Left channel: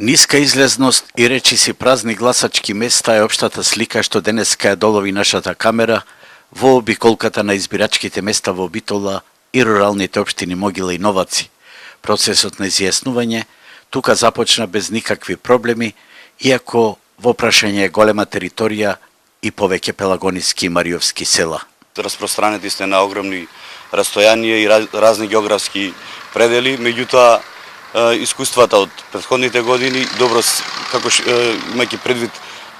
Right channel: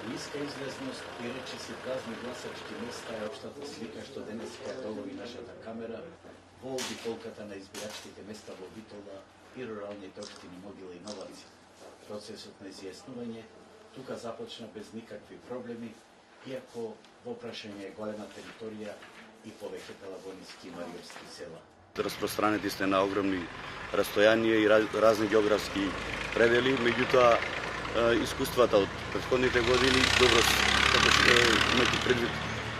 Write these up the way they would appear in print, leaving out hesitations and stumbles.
Ниска излезност и речиси празни гласачки места е општата слика што денеска ја долови нашата камера во обиколката на избирачките места во Битола и руралните општини Могила и Новаци. Процесот на изјаснување тука започна без никакви проблеми, иако во прашање е голема територија и повеќе пелагониски и мариовски села. Распространети сте на огромни растојанија и разни географски предели, меѓутоа искуствата од претходните години, имајќи предвид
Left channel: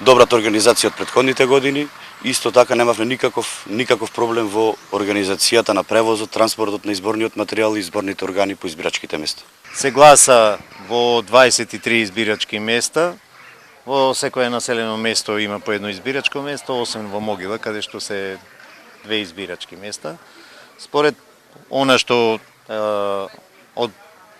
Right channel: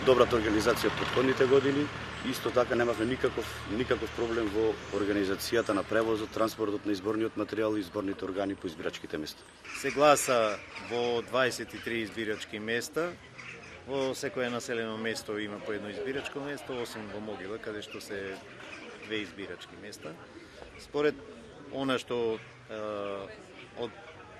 добрата организација од претходните години, исто така немавме никаков проблем во организацијата на превозот, транспортот на изборниот материјал и изборните органи по избирачките места. Се гласа во 23 избирачки места. Во секое населено место има по едно избирачко место, освен во Могила, каде што се 2 избирачки места. Според она што од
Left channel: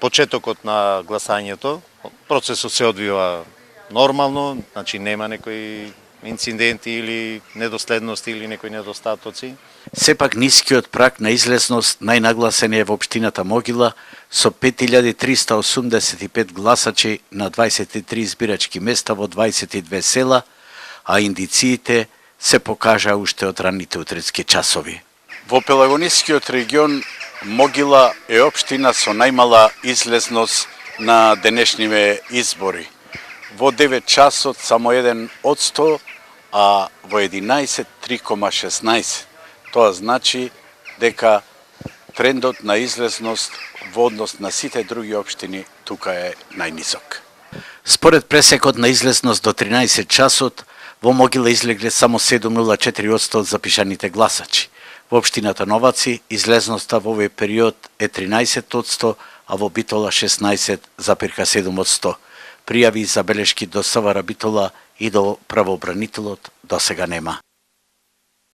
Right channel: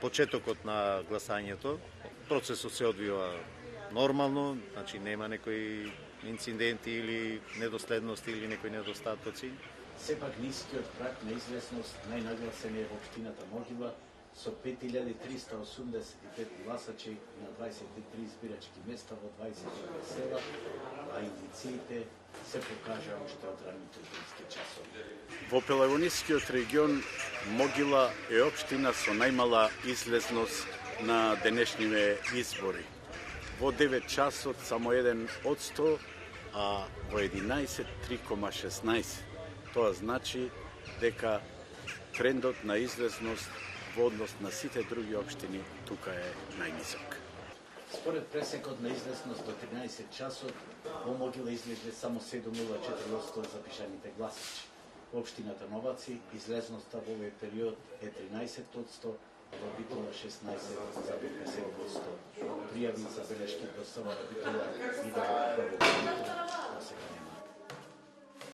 почетокот на гласањето, процесот се одвива нормално, значи нема некои инциденти или недоследности или некои недостатоци. Сепак нискиот праг на излезност најнагласен е во општината Могила со 5385 гласачи на 23 избирачки места во 22 села, а индициите се покажа уште од ранните утрински часови. Во Пелагонискиот регион Могила е општина со најмала излезност на денешниве избори. Во 9 часот само 1%, а во 11 3,16. Тоа значи дека трендот на излезност во однос на сите други општини тука е најнисок. Според пресекот на излезност до 13 часот, во Могила излегле само 7,04% од запишаните гласачи. Во општината Новаци излезноста во овој период е 13%, а во Битола 16,7%. Пријави и забелешки до СВР Битола и до правообранителот досега нема.